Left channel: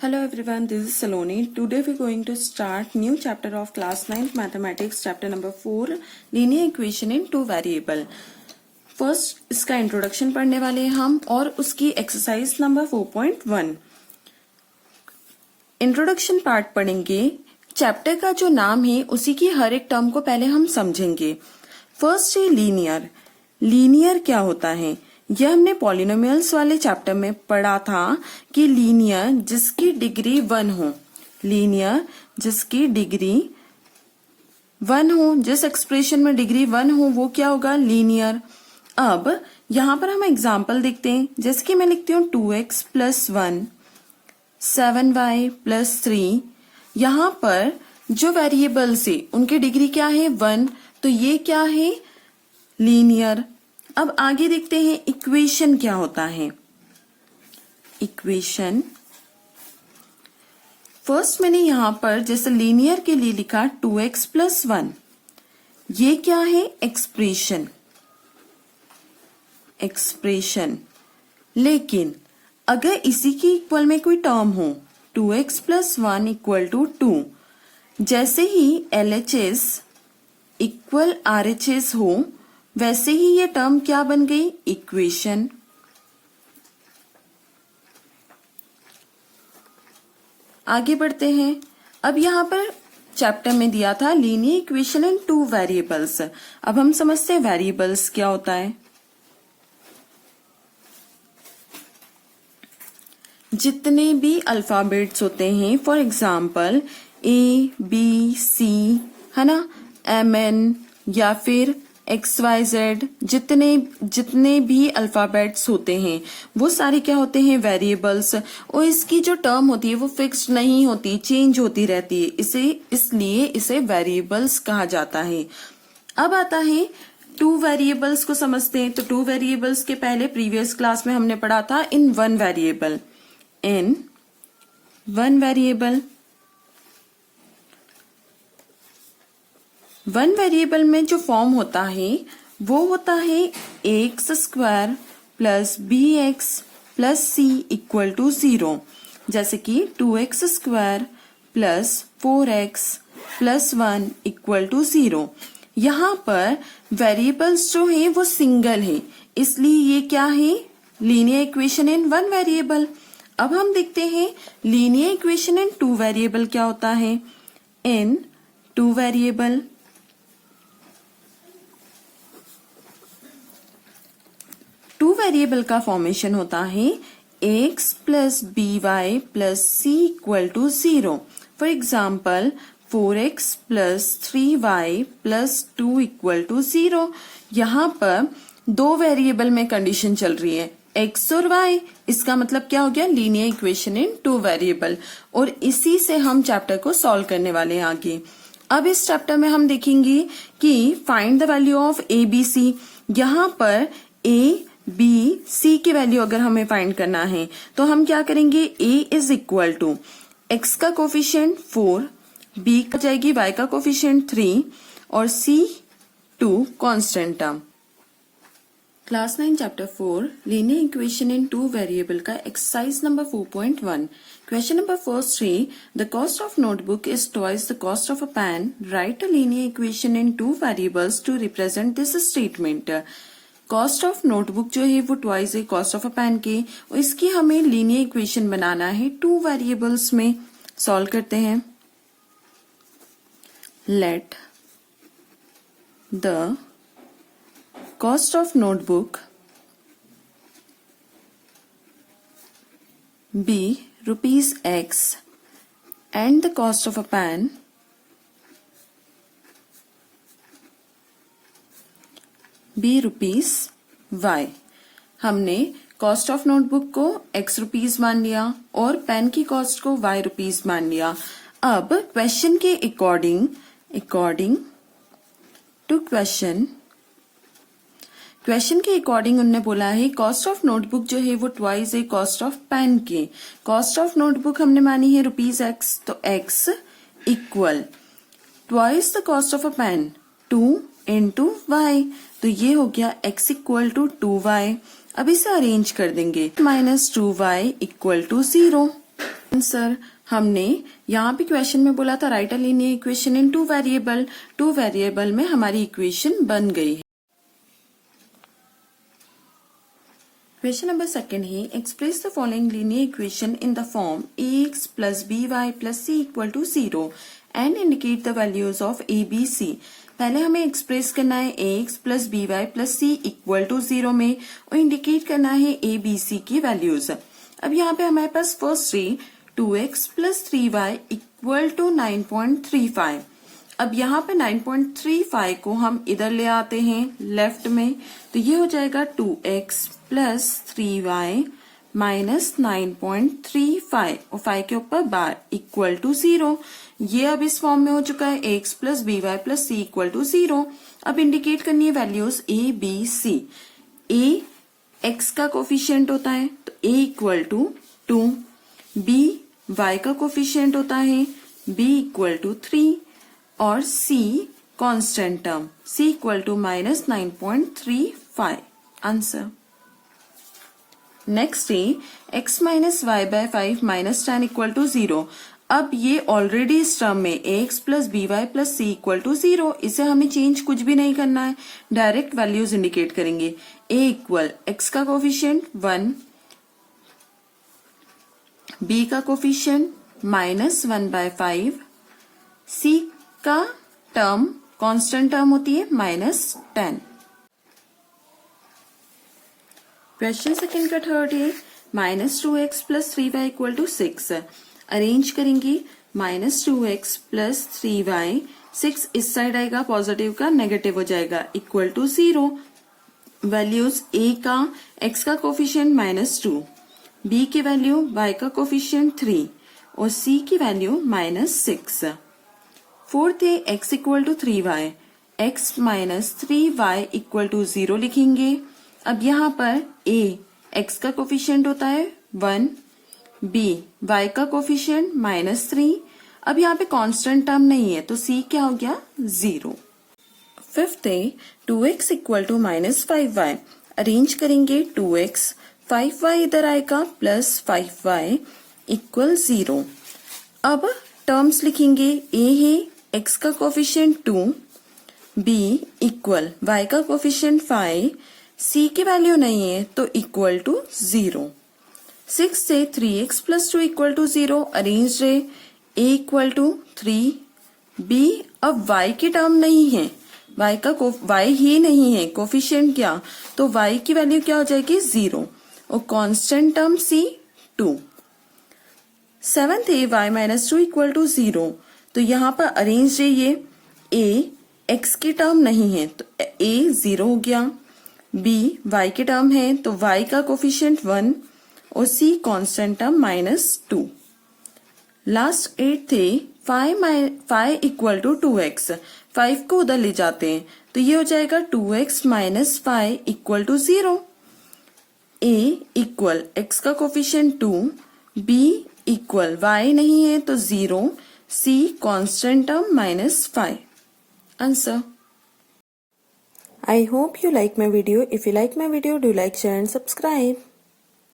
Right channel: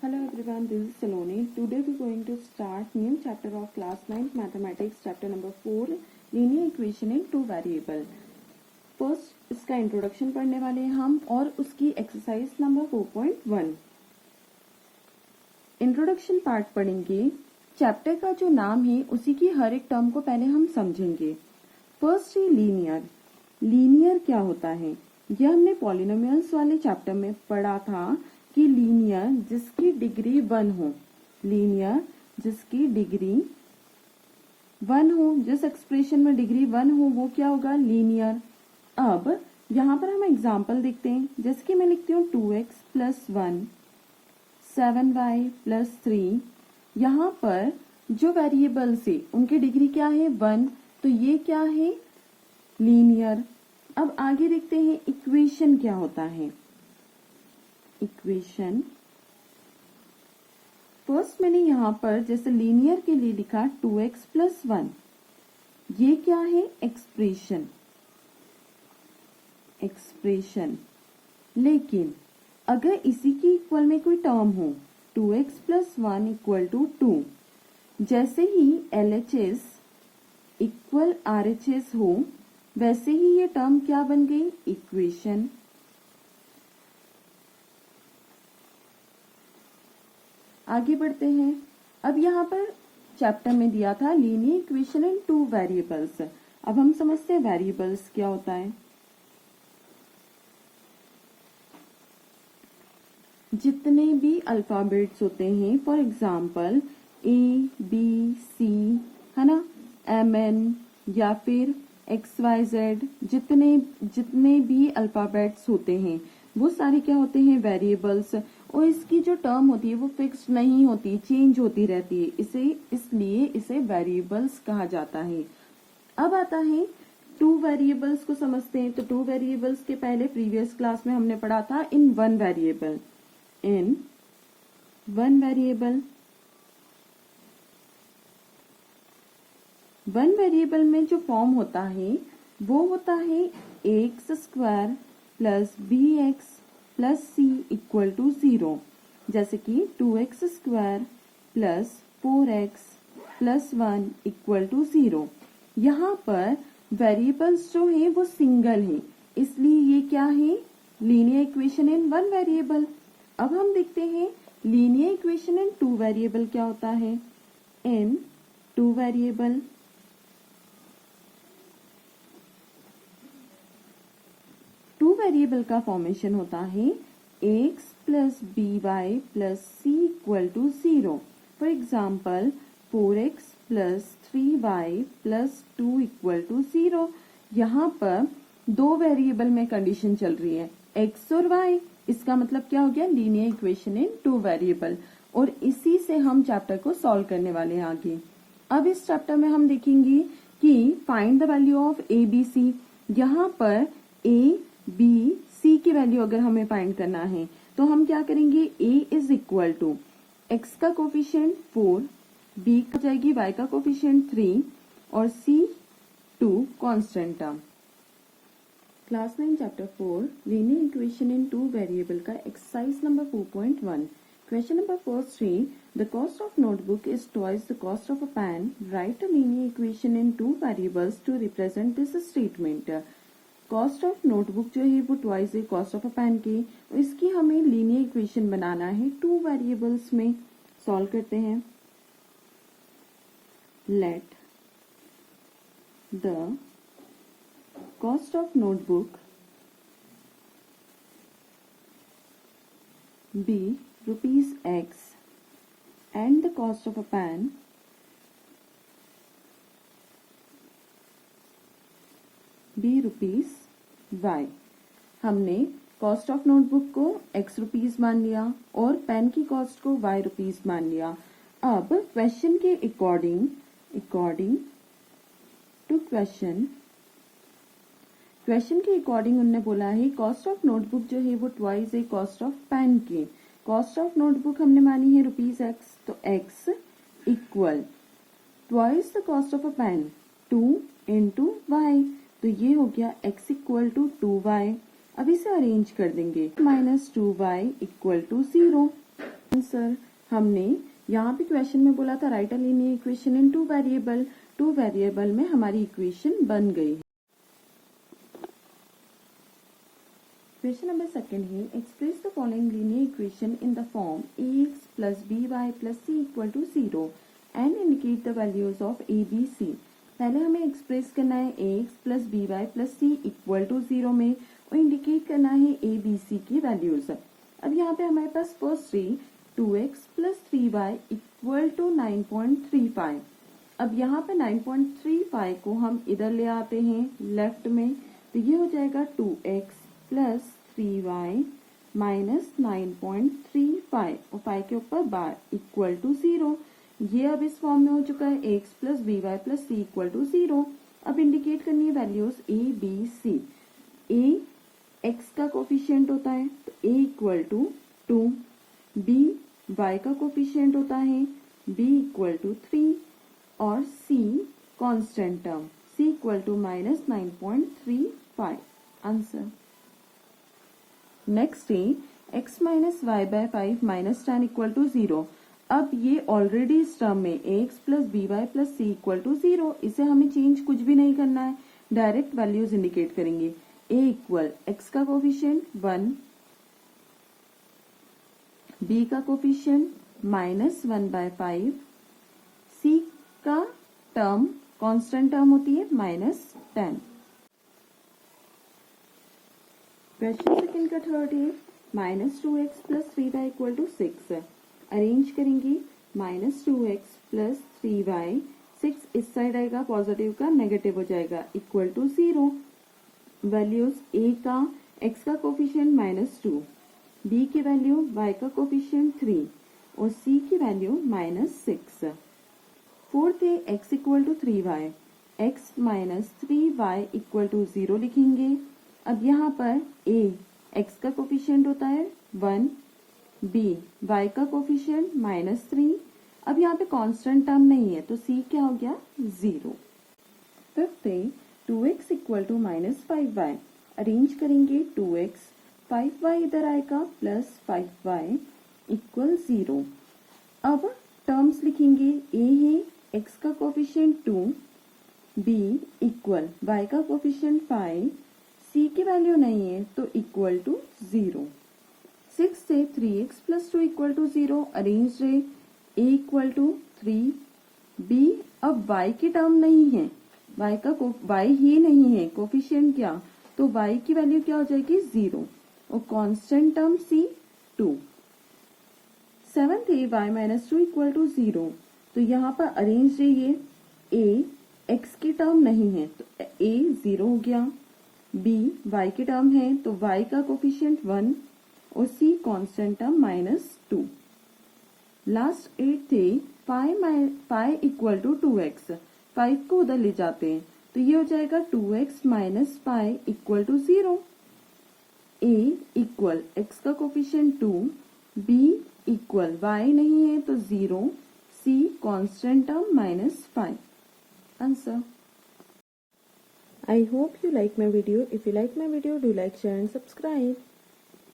Hello everyone, this is Saloni. Today we are going to start new chapter of class 9th mathematics, chapter number 4, linear equation in two variable. First इसका introduction पढ़ने वाले हैं हम और उसकी exercise number 4.1. Introduction part पढ़ेंगे. Chapter का जो नाम है उसी की हर एक टर्म को पहले हम समझेंगे. फर्स्ट है लीनियर. लीनियर क्या होता है? यह हमने पॉलिनोमियल्स वाले चैप्टर में पढ़ा था कि लीनियर जिसकी डिग्री 1 हो, लीनियर जिसकी डिग्री 1 हो, जिस एक्सप्रेशन में डिग्री 1 हो वो क्या होगा? लीनियर. अब यहां पर हम एग्जांपल देखते हैं. जैसे कि मैं लिखती हूँ 2x + 1 7y + 3. यहां पर जो वेरिएबल्स है उनकी डिग्री क्या है? 1. तो ये क्या है? लीनियर. अब आगे देखते हैं इक्वेशन क्या होता है. इक्वेशन फर्स्ट मैंने यहां पर जैसे लीनियर के लिए लिखा 2x + 1. ये क्या है? एक्सप्रेशन. एक्सप्रेशन. लेकिन अगर इसी की इक्वल में कोई टर्म हो 2x + 1 = 2, जैसे ही LHS इक्वल RHS हो वैसे ही ये टर्म क्या बन गई? इक्वेशन. आगे बढ़ते हैं. अब यहां पर चैप्टर में दिया था linear equation in two variables. अब हम समझते हैं वेरिएबल्स क्या होता है. जितने भी अल्फाबेट्स होते हैं, फॉर एग्जाम्पल ABC है ना, MN या फिर XYZ, जितने भी अल्फाबेट्स होते हैं वो सारे क्या होते हैं? वेरिएबल्स. और इसकी जो टर्म होती है वो फिक्स्ड नहीं होती, चेंज होती रहती है. इसलिए इसे वेरिएबल्स कहा जाता है. अब आता है टू वेरिएबल्स को समझते हैं. तो टू वेरिएबल्स के पहले प्रीवियस क्लास में हमने पढ़ा था in one variable. In one variable. One variable में जो फॉर्म होता है वो होता है ax² + bx + c = 0. जैसे कि 2x² + 4x + 1 = 0. यहाँ पर वेरिएबल्स जो है वो सिंगल है, इसलिए ये क्या है? Linear equation in one variable. अब हम देखते हैं linear equation in two variable क्या होता है. इन टू वेरिएबल टू वेरिएबल का फॉर्मेशन होता है x + by + c = 0. For example 4x + 3y + 2 = 0. यहाँ पर दो वेरिएबल में कंडीशन चल रही है x और y. इसका मतलब क्या हो गया? Linear equation in two variable. और इसी से हम चैप्टर को सॉल्व करने वाले हैं आगे. अब इस चैप्टर में हम देखेंगे कि find the value of ABC. यहाँ पर ABC की वैल्यू अगर हमें फाइंड करना है तो हम क्या करेंगे? A = x का कोफिशिएंट 4, B का जाएगी y का कोफिशिएंट 3 और C 2 constant term. Class 9 chapter 4 linear equation in two variable का exercise number 4.1. Question number first है the cost of notebook is twice the cost of a pen. Write a linear equation in two variables to represent this statement. Cost of notebook जो है वो twice है cost of a pen के, और इसकी हमें linear equation बनाना है two variables में. सॉल्व करते हैं. Let the cost of notebook be ₹X and the cost of a pen be ₹Y. हमने कॉस्ट ऑफ नोटबुक को ₹X मान लिया और पेन की कॉस्ट को ₹Y मान लिया. अब क्वेश्चन के अकॉर्डिंग टू क्वेश्चन के अकॉर्डिंग उन्होंने बोला है कॉस्ट ऑफ नोटबुक जो है वो ट्वाइस है कॉस्ट ऑफ पेन के. कॉस्ट ऑफ नोटबुक हमने मानी है ₹X, तो X equal twice the cost of a pen 2 × Y. तो ये हो गया X = 2Y. अब इसे अरेंज कर देंगे -2Y = 0. आंसर हमने यहाँ पे क्वेश्चन में बोला था right a linear equation in two variable में हमारी इक्वेशन बन गई है। क्वेश्चन नंबर सेकंड है express the following linear equation in the form ax plus by plus c equal to 0 and indicate the values of a b c। पहले हमें express करना है ax plus by plus c equal to 0 में और indicate करना है a b c की values. अब यहाँ पे हमारे पास फर्स्ट है 2x plus 3y equal to 9.35। अब यहाँ पे 9.35 को हम इधर ले आते हैं लेफ्ट में, तो ये हो जाएगा 2x प्लस 3y माइनस 9.35 और 5 के ऊपर बार इक्वल टू 0। ये अब इस फॉर्म में हो चुका है x plus b y plus c equal to 0। अब इंडिकेट करनी है values a b c। a x का कोफिशिएंट होता है तो a equal to 2, b y का कोफिशिएंट होता है b इक्वल टू 3 और c constant term c equal to minus 9.35। Answer next है x minus y by 5 minus 10 equal to 0। अब ये ऑलरेडी इस टर्म में ax plus b y plus c equal to 0, इसे हमें चेंज कुछ भी नहीं करना है, डायरेक्ट वैल्यूज इंडिकेट करेंगे। a इक्वल x का कोफिशिएंट 1, b का कोफिशिएंट माइनस 1/5, c का टर्म कांस्टेंट टर्म होती है माइनस 10। क्वेश्चन सेकंड का थर्ड है minus 2x plus 3y equal to 6। Arrange करेंगे माइनस 2x प्लस 3y, 6 इस साइड आएगा पॉजिटिव का, नेगेटिव हो जाएगा इक्वल टू 0। वैल्यूज a का x का कोफिशिएंट माइनस 2, b की वैल्यू y का कोफिशिएंट 3 और c की वैल्यू माइनस 6। फोर्थ है x equal to 3y, x minus 3y equal to 0 लिखेंगे। अब यहाँ पर a x का कोफिशिएंट होता है 1, b y का कोफिशिएंट माइनस 3। अब यहाँ पे कांस्टेंट टर्म नहीं है तो c क्या हो गया 0। फिफ्थ है 2x equal to minus 5y। Arrange करेंगे 2x, 5y इधर आएगा प्लस 5y इक्वल 0। अब टर्म्स लिखेंगे a है x का कोफिशिएंट 2, b इक्वल y का कोफिशिएंट 5, c की वैल्यू नहीं है तो इक्वल टू 0। 6 से 3x plus 2 equal to 0। Arrange है a इक्वल टू 3, b अब y की टर्म नहीं है, y ही नहीं है कोफिशिएंट क्या, तो y की वैल्यू क्या हो जाएगी 0 और कांस्टेंट टर्म c 2। 7th है y माइनस 2 इक्वल टू 0। तो यहाँ पर अरेंज है ये a x की टर्म नहीं है तो a 0 हो गया, b y की टर्म है तो y का कोफिशिएंट 1 और c constant term minus 2। Last 8 थे 5 इक्वल टू 2x, 5 को उधर ले जाते हैं तो ये हो जाएगा 2x minus 5 equal to 0। a equal x का कोफिशिएंट 2, b इक्वल y नहीं है तो 0, c constant term minus 5। Answer. I hope you like my video. If you like my video, do like, share and subscribe.